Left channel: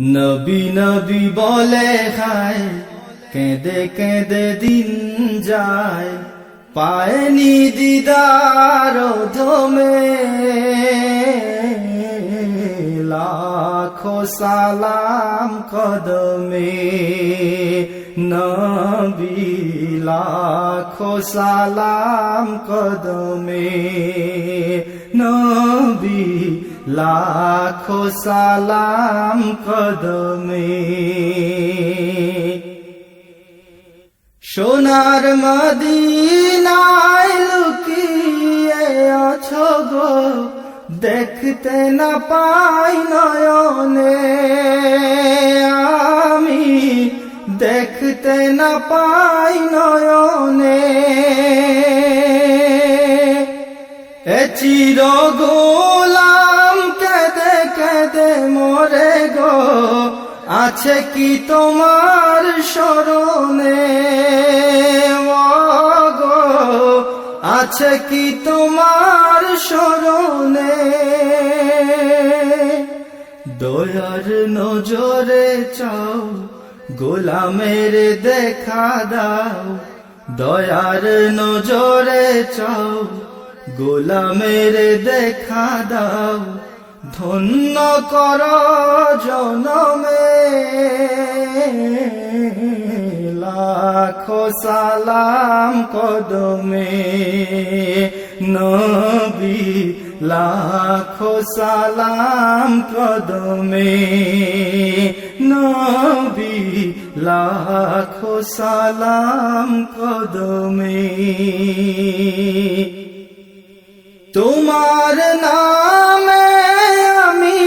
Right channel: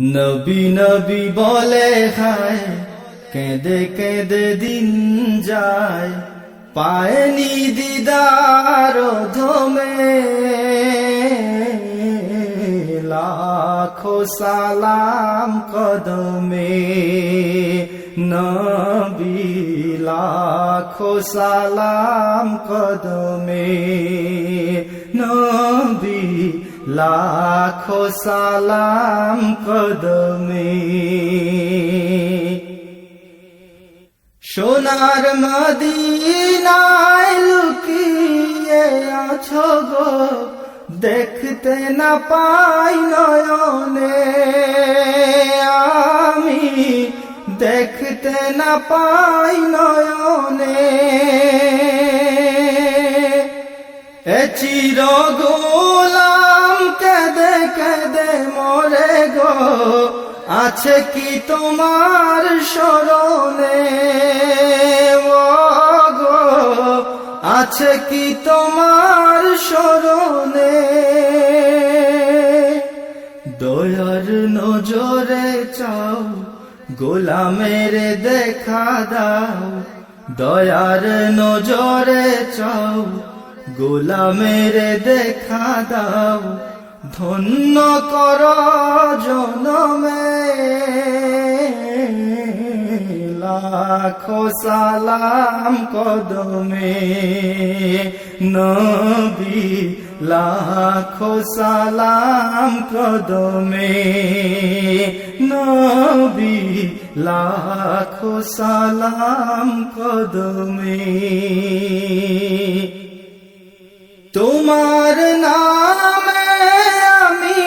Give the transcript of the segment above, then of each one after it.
নবী নবী বলে খায় কেঁদে কেঁদে দিন যায়। পায়নি দিদার ধমে, লাখো সালাম কদমে। নবী, লাখো সালাম কদমে। লাখো সালাম কদমে সোনার মদিনায় লুকিয়ে আছো গো, দেখতে না পাই নয়নে। আমি দেখতে না পাই নয়নে। এ চির গোলাম কেদে কেদে মরে গো। আছে কি তোমার স্মরণে? ও গো, আছে কি তোমার স্মরণে? দয়ার নজরে চাও, গোলামের দেখা দাও। দয়ার নজরে চাও গোলামের দেখা দাও, ধন্য কর জনমে। লাখো সালাম কদমে, নবী, লাখো সালাম কদমে। নবী, লাখো সালাম কদমে। তোমার নামে আমি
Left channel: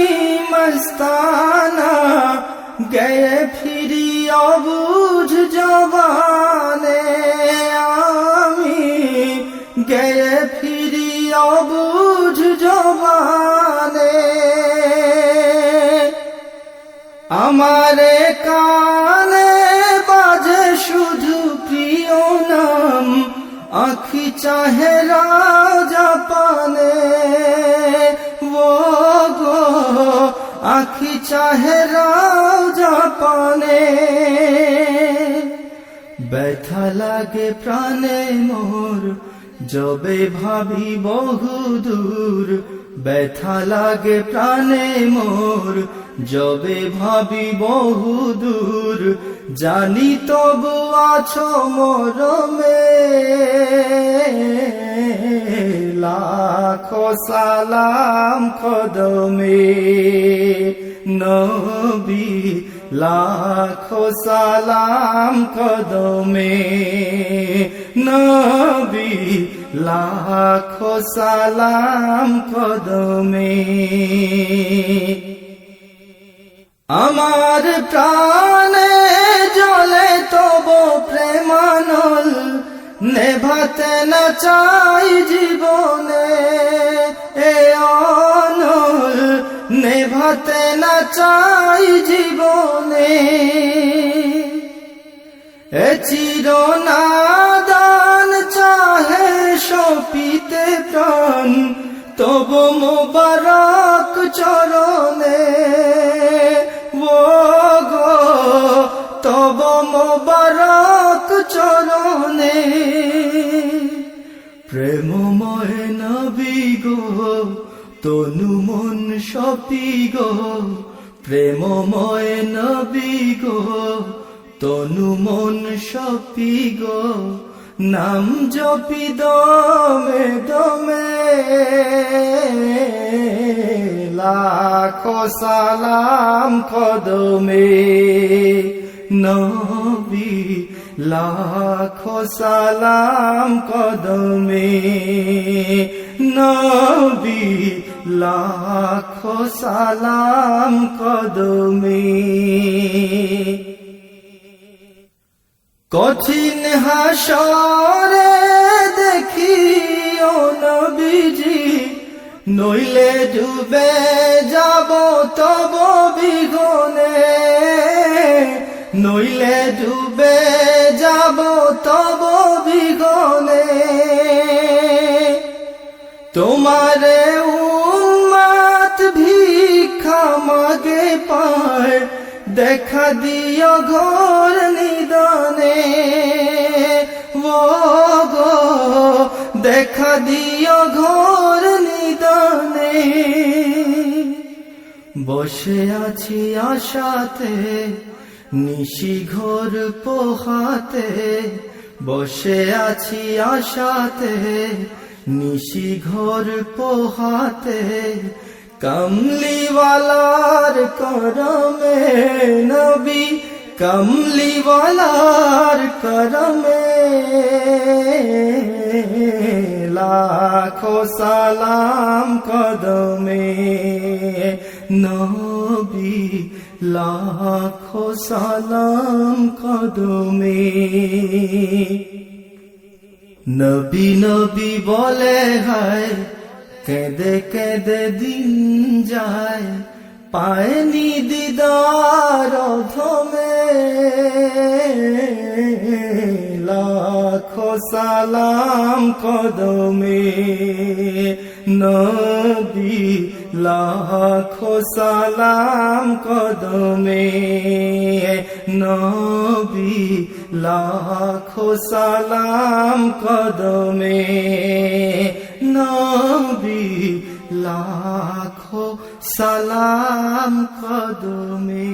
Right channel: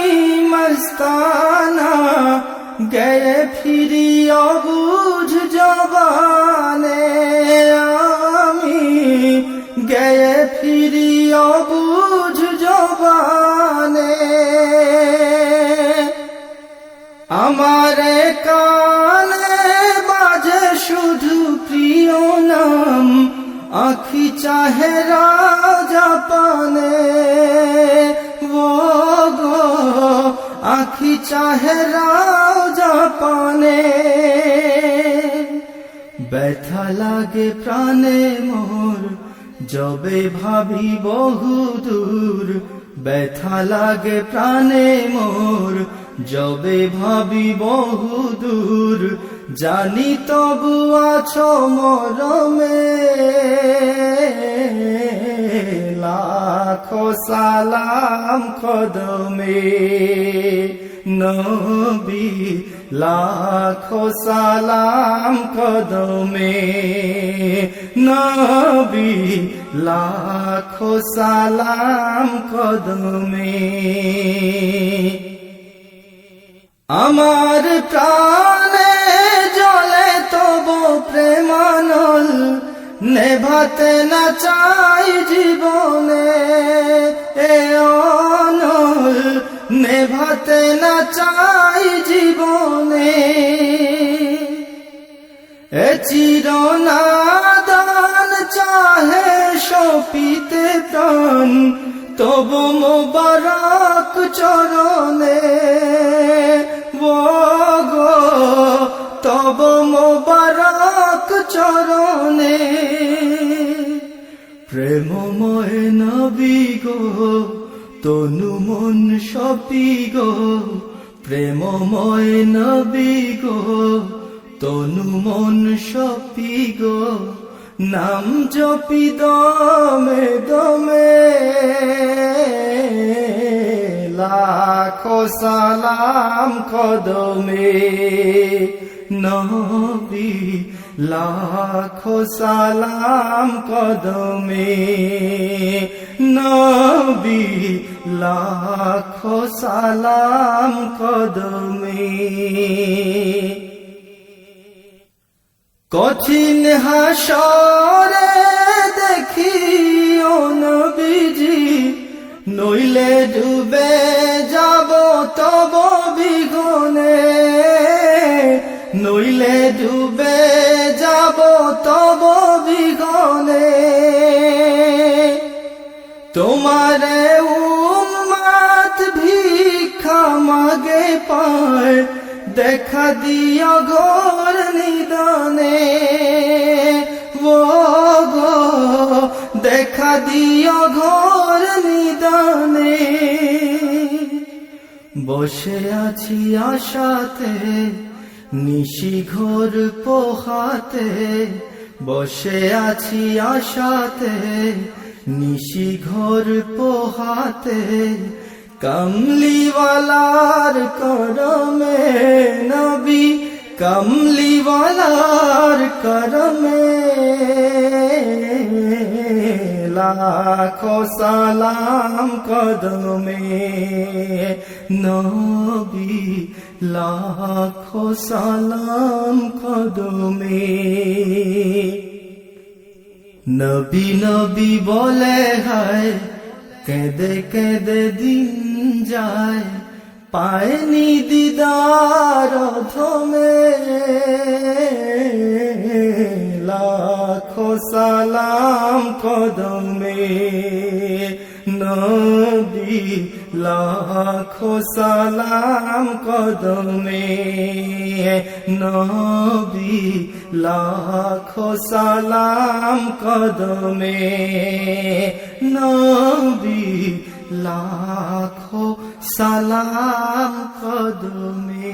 মস্তানা গয়ে ফিরি অবুঝ জবানে। আমি গয়ে ফিরি অবুঝ জবানে। আমারে কানে বাজে শুধু প্রিয় নাম। আখি চাহে রাজা পানে। ও গো, আখি চাহে রাজা পানে। ব্যথা লাগে প্রাণে মোর, যবে ভাবি বহু দূর ব্যথা লাগে প্রাণে মোর যবে ভাবি বহু দূর জানি তবু আছো মরমে। লাখো সালাম কদমে, নবী, লাখো সালাম কদমে। নবী, লাখো সালাম কদমে। আমার প্রাণে জলে তব প্রেমানল, নেভাতে না চাই জীবনে এ অনল, নেভাতে না চাই জীবনে এ চিরনাদান চাহে সপিতে প্রাণ তব মোবারক চরণে। ও গো, তব মোবারক চরণে। প্রেমময় নবী গো, তনু মন সপি গো। প্রেমময় নবী গো, তনু মন সপি গো। নাম জপি দমে দমে লাখো সালাম কদমে। নবী, লাখো সালাম কদমে। নবী, লাখো সালাম কদমে। কঠিন হাসরে দেখি ও নবীজি, নইলে ডুবে যাব তব বিঘনে। নইলে ডুবে যাব তব বিঘনে। তোমারে উম্মাত ভিক্ষা মাগে পায় দেখা দিও ঘোর নিদানে। ও গো, দেখা দিও ঘোর নিদানে। বসে আছি আশাতে, নিশি ঘোর পোহাতে। বসে আছি আশাতে, নিশি ঘোর পোহাতে। কমলিওয়ালার করমে নবী, কমলিওয়ালার করমে লাখো সালাম কদমে নবী, লাখো সালাম কদমে। নবী নবী বলে হায় কেঁদে কেঁদে দিন যায়, পায়নি দিদার ধমে লাখো সালাম কদমে, নবী, লাখো সালাম কদমে। নবী, লাখো সালাম কদমে, নবী লাখো সালাম কদমে